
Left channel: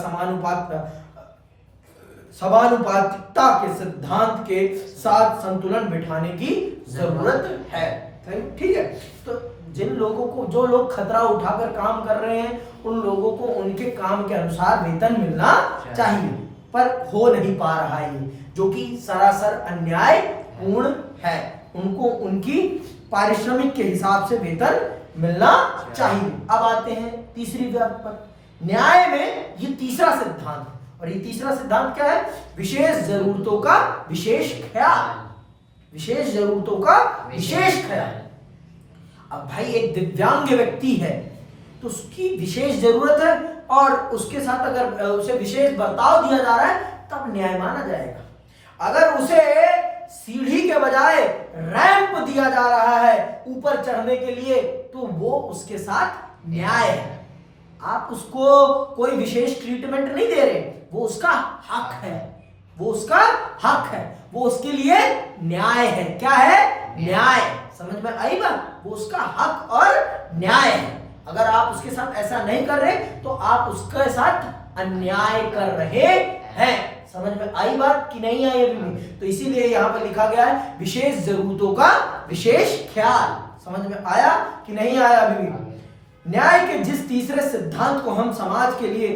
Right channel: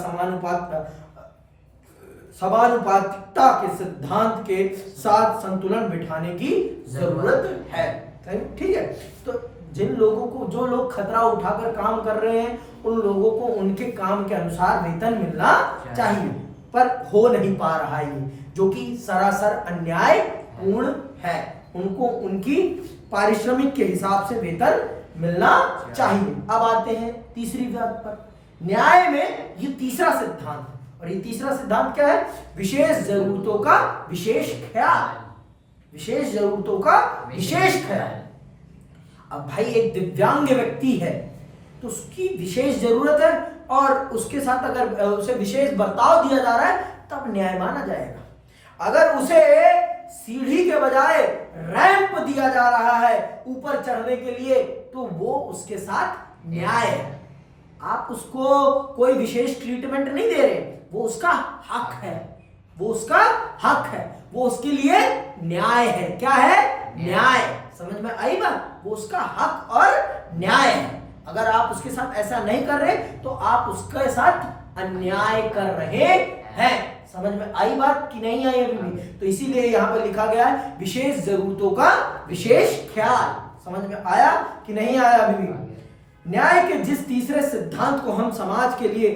समानुपातिकता के सिद्धांत के साथ संतुलन बिठाने की जरूरत है। ठीक है, तो जिन लोगों को, जो लोग खतरा उठाकर काम कर रहे हैं, उन लोगों को उनके काम के अनुसार वेतन मिलना चाहिए, पर हो नहीं पा रहा है ये, जो कि सरासर अन्याय पूर्ण है। उनको उनकी पारिश्रमिक के हिसाब से वेतन मिलना चाहिए। अब आते हैं तीसरी बात पर। न्याय में ये तीसरा सिद्धांत है, और ये तीसरा सिद्धांत क्या है? विशेष जरूरतों का विशेष ख्याल। विशेष जरूरतों का विशेष ख्याल। अब भाई एक दिव्यांग व्यक्ति है तो उसकी विशेष जरूरत है और उसके साथ अगर उसे विशेष बर्ताव दिया जा रहा है तब न्याय माना जाएगा। अगर उसे सीढ़ी के बजाय रैंप दिया जा रहा है ऊपर चढ़ने के लिए तो वो उसके साथ न्याय है। आप उसको कोई विशेष ट्रीटमेंट नहीं दे रहे, वो उसका हक है, वो उसका हक है, वो उसके लिए न्याय है। क्या है? न्याय। समझ में आई बात? वो उसका हक और न्याय है। अगर आप उसके साथ ऐसा नहीं कर रहे तो आप उसके साथ अन्याय कर रहे हैं। समझ में आई बात कि नहीं आई अभी भी? तो इसीलिए यहां पे लिखा गया है विशेष जरूरतों का विशेष ख्याल। समझ में आया कि नहीं आया अभी भी? न्याय के जिस तीसरे सिद्धांत को हम समाज के लिए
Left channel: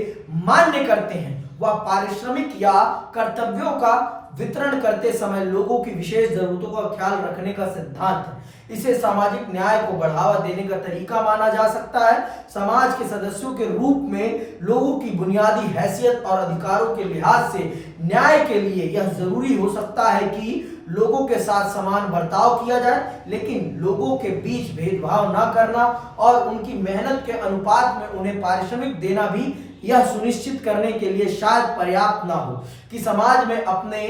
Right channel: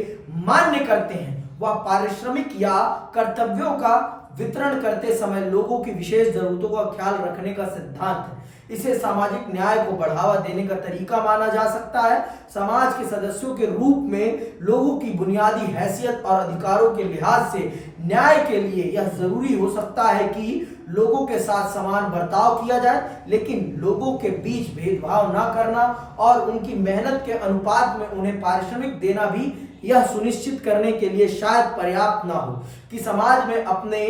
मान्य करते हैं वह पारिश्रमिक या कर्तव्यों का वितरण करते समय लोगों की विशेष जरूरतों का ख्याल रखने का सिद्धांत है। इसे सामाजिक न्याय को बढ़ावा देने का तरीका माना जा सकता है। समाज के सदस्यों के रूप में लोगों की बुनियादी हैसियत और अधिकारों के लिहाज से न्याय के लिए यह जरूरी हो सकता है कि लोगों के साथ समान बर्ताव किया जाए, लेकिन लोगों के बीच भेदभाव न करना और उनकी मेहनत के अनुपात में उन्हें पारिश्रमिक देना भी यह सुनिश्चित करने के लिए शायद पर्याप्त ना हो कि समाज में अपने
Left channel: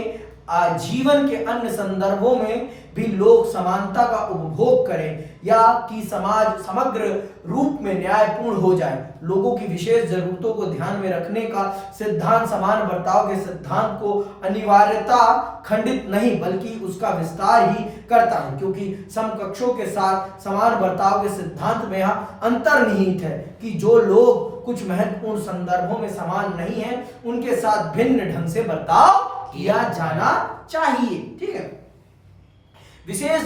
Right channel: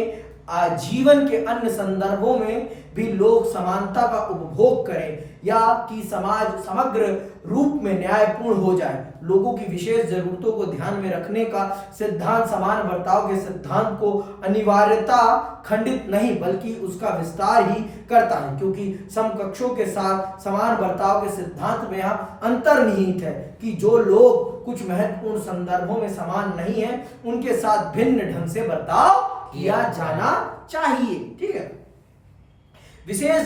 जीवन के अन्य संदर्भों में भी लोग समानता का उपभोग करें या कि समाज समग्र रूप में न्यायपूर्ण हो जाए। लोगों की विशेष जरूरतों को ध्यान में रखने का सिद्धांत समान बर्ताव के सिद्धांत को अनिवार्यता खंडित नहीं बल्कि उसका विस्तार ही करता है, क्योंकि समकक्षों के साथ समान बर्ताव के सिद्धांत में यहाँ अंतर्निहित है कि जो लोग कुछ महत्वपूर्ण संदर्भों में समान नहीं है उनके साथ भिन्न ढंग से बर्ताव किया जाना चाहिए। ठीक है। विशेष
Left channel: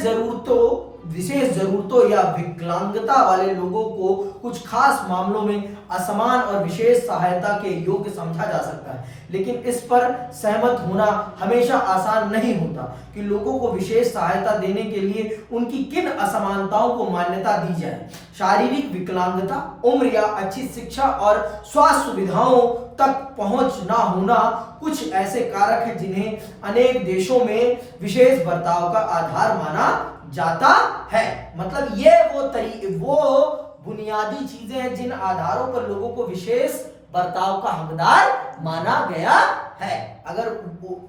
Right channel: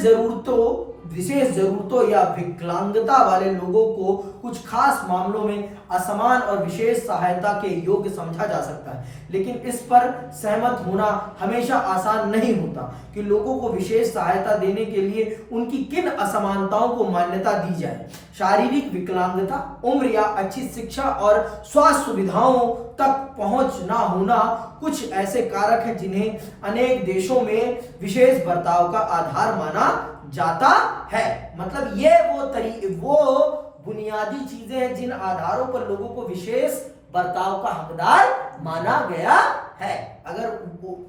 जरूरतों या विकलांगता वाले लोगों को कुछ खास मामलों में असमान और विशेष सहायता के योग्य समझा जा सकता है, लेकिन इस पर सहमत होना हमेशा आसान नहीं होता कि लोगों को विशेष सहायता देने के लिए उनकी किन असमानताओं को मान्यता दी जाए। शारीरिक विकलांगता, उम्र या अच्छी शिक्षा और स्वास्थ्य सुविधाओं तक पहुंच ना होना कुछ ऐसे कारक हैं जिन्हें अनेक देशों में विशेष बर्ताव का आधार माना जाता है। मतलब ये वो बुनियादी चीजें हैं जिन आधारों पर लोगों को विशेष बर्ताव का हकदार माना गया है। अगर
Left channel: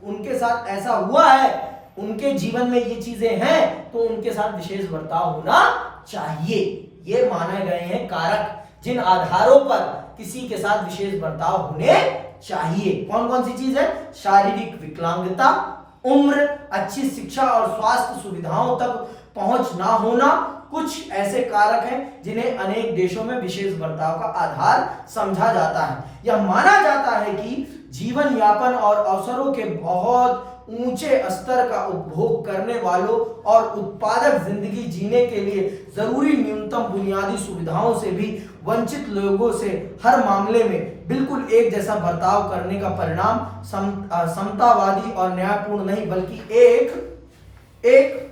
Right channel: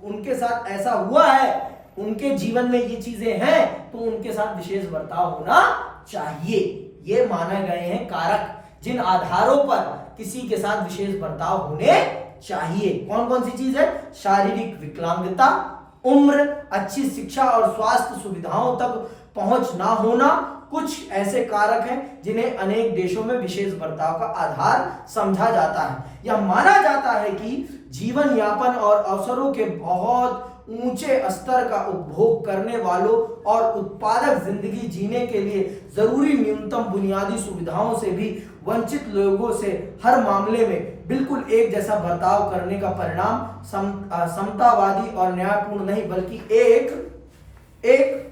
उनके साथ ऐसा हुआ है, उनके जीवन में ये चीजें हैं, तो उनके साथ विशेष बर्ताव होना चाहिए। ये माने गए हैं कारक जिन आधारों पर किसी के साथ विशेष बर्ताव होने चाहिए। कौन कौन सी चीज है? शारीरिक विकलांगता, उम्र, अच्छी शिक्षा और स्वास्थ्य सुविधाओं तक पहुंच ना होना कुछ ऐसे कारक हैं जिन्हें अनेक देशों में विशेष बर्ताव का आधार समझा जाता है। यह माना जाता है कि जीवन यापन और अवसरों के बहुत ऊंचे स्तर का उपभोग करने वालों और उत्पादक जिंदगी जीने के लिए जरूरी न्यूनतम बुनियादी सुविधाओं से भी वंचित लोगों से हर मामले में बिल्कुल एक जैसा बर्ताव करने का परिणाम समतावादी और न्यायपूर्ण नहीं बल्कि एक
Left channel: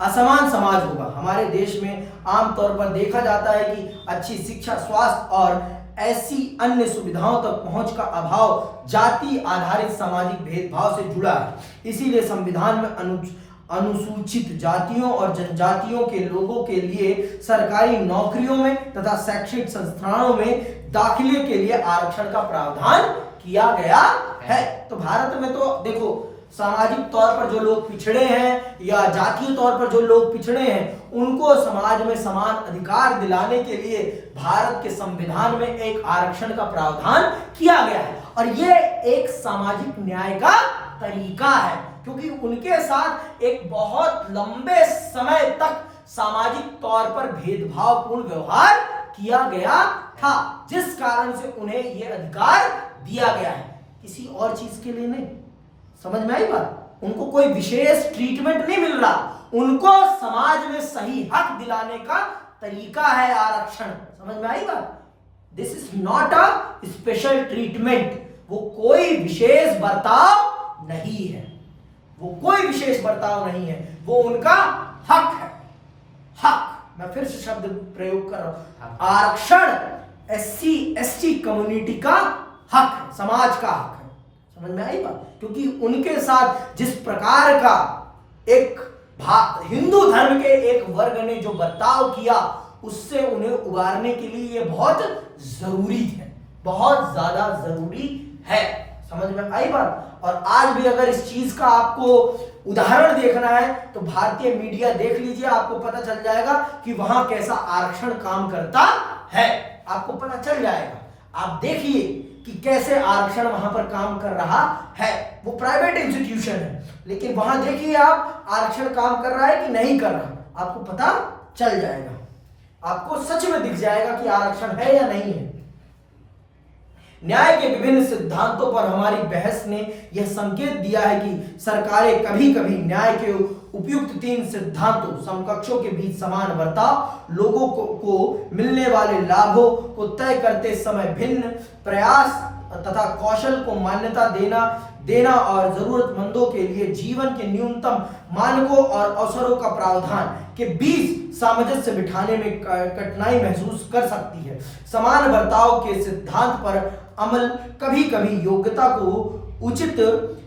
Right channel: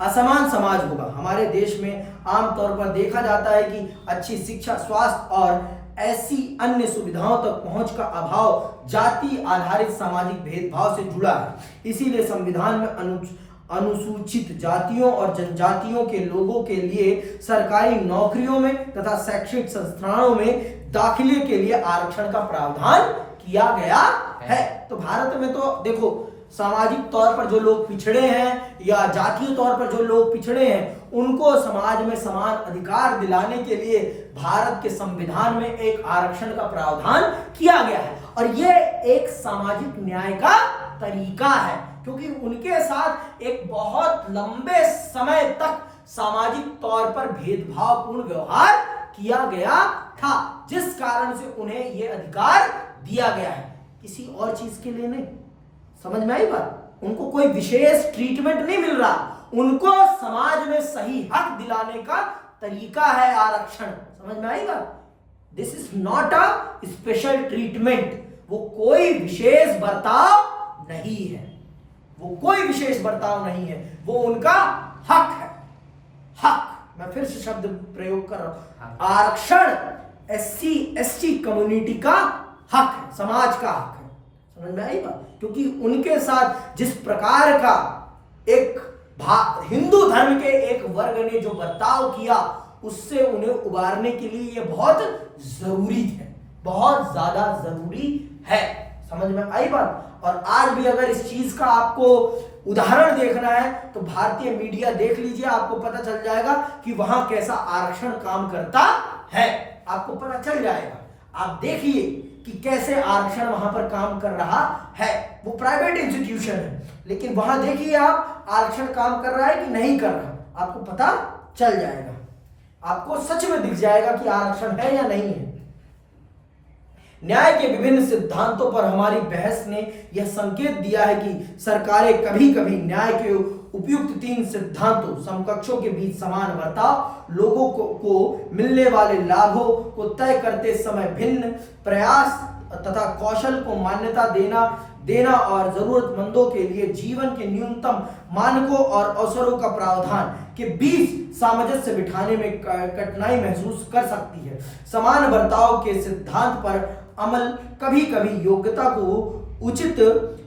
असमान समाज होगा। हमारे देश में आमतौर पर देखा जाता है कि अच्छी शिक्षा, स्वास्थ्य और ऐसी अन्य सुविधाओं तक पहुंच का अभाव जाति आधारित सामाजिक भेदभाव से जुड़ा है। इसीलिए संविधान में अनुसूचित जातियों और जनजातियों के लोगों के लिए सरकारी नौकरियों में तथा शैक्षणिक संस्थानों में दाखिले के लिए आरक्षण का प्रावधान किया गया है। तो भारत में तो देखो, सामाजिक तौर पर जो लोग पिछड़े हैं या जातीय तौर पर जो लोग पिछड़े हैं उनको समाज में समान अधिकार दिलाने के लिए भारत के संविधान में एक आरक्षण का प्रावधान किया गया है। और ये एक सामाजिक न्याय का तरीका है, क्योंकि उनके साथ एक बहुत लंबे समय तक सामाजिक तौर पर भेदभावपूर्ण व्यवहार किया गया था, जिस कारण से उन्हें यह अधिकार दिया गया है। किसी और चीज के लिए नहीं। समझ में आई बात? उनको कोई विशेष ट्रीटमेंट नहीं मिल रहा, उनको समाज में सही हक दिलाने का तरीका है आरक्षण। समझ में आई बात? This is not a special treatment. वो कोई विशेष बर्ताव नहीं है, वो कोई विशेष बर्ताव नहीं है, वो उनका हक है। हक, मैं फिर से शब्द प्रयोग कर रहा हूं, आरक्षण SC ST कम्युनिटी का हक है, समाज का हक है। समझ में आई बात? क्योंकि उनके साथ जिस प्रकार का एक हिंदू धर्म के एक वर्ग ने जो बर्ताव किया उससे उन्हें उबारने के लिए यह बहुत जरूरी है, बहुत ज्यादा जरूरी है। समझ में आई बात? और आज भी अगर इस चीज का आपको उदाहरण देखना है तो भारतीय मीडिया देख लीजिए, आपको पता चल जाएगा कि वहां कैसा आरक्षण काम करता है, आपको पता चल जाएगा। आप देखिए कि कैसे आरक्षण वहां पर काम कर रहा है। वो प्राइवेट इंस्टीट्यूशन है, लेकिन वहां देखिए आप आरक्षण काम कर रहा है कि नहीं कर रहा, आपको पता चल जाएगा, आपको सच में दिख जाएगा कि आरक्षण है या नहीं है। न्याय के विभिन्न सिद्धांतों पर हमारी बहस ने यह संकेत दिया है कि सरकारें कभी कभी न्याय के उपयुक्त तीन सिद्धांतों समकक्षों के बीच समान बर्ताव, लोगों को मिलने वाले लाभों को तय करते समय भिन्न प्रयास तथा कौशल को मान्यता देना और जरूरतमंदों के लिए जीवन के न्यूनतम मानकों और अवसरों का प्रावधान के बीच सामंजस्य बिठाने में कठिनाई महसूस कर सकती है। समान बर्ताव के सिद्धांत पर अमल कभी कभी योग्यता को उचित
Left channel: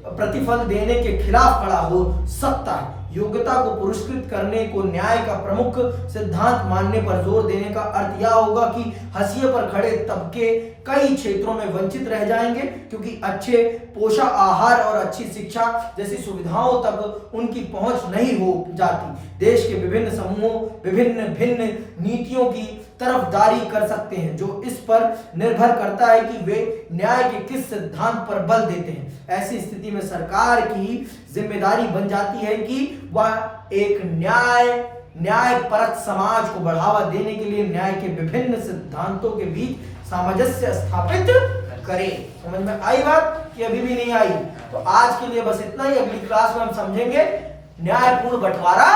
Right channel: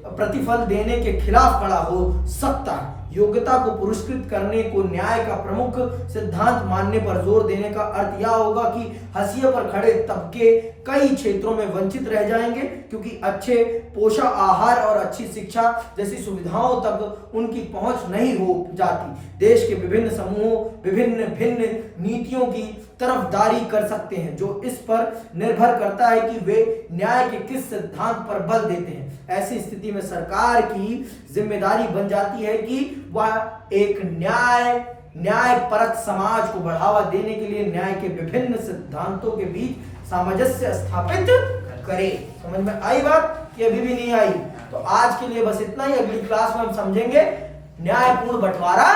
प्रतिफल देने के खिलाफ खड़ा हो सकता है। योग्यता को पुरस्कृत करने को न्याय का प्रमुख सिद्धांत मानने पर जोर देने का अर्थ यह होगा कि हाशिए पर खड़े तबके कई क्षेत्रों में वंचित रह जाएंगे, क्योंकि अच्छे पोषण आहार और अच्छी शिक्षा जैसी सुविधाओं तक उनकी पहुंच नहीं हो जाती। देश के विभिन्न समूहों विभिन्न भिन्न नीतियों की तरफदारी कर सकते हैं, जो इस पर निर्भर करता है कि वे न्याय के किस सिद्धांत पर बल देते हैं। ऐसी स्थिति में सरकार की जिम्मेदारी बन जाती है कि वह एक न्यायपरक समाज को बढ़ावा देने के लिए न्याय के विभिन्न सिद्धांतों के बीच सामंजस्य स्थापित करे। समझ में आई बात कि अभी भी नहीं आई? तो आज के लिए बस इतना ही। अगली क्लास में हम समझेंगे न्यायपूर्ण बंटवारा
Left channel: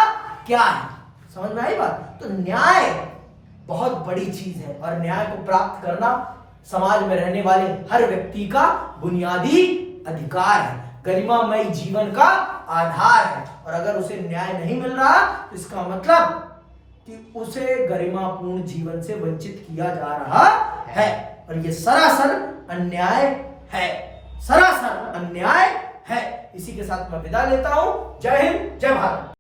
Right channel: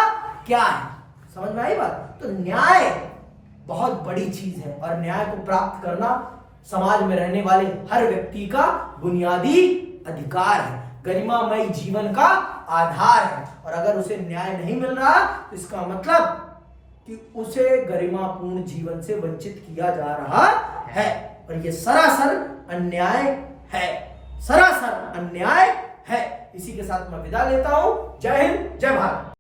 क्या है। समझ में आई बात? तो न्याय बहुत बड़ी चीज है और न्याय को प्राप्त करना समाज में रहने वाले हर व्यक्ति का बुनियादी अधिकार है, गरिमामय जीवन का आधार है। और अगर उसे न्याय नहीं मिल रहा तो इसका मतलब कि उसे गरिमापूर्ण जीवन से वंचित किया जा रहा है और यह सरासर अन्याय है, सरासर अन्याय है। इसी के साथ मैं विदा लेता हूं। जय हिंद, जय भारत।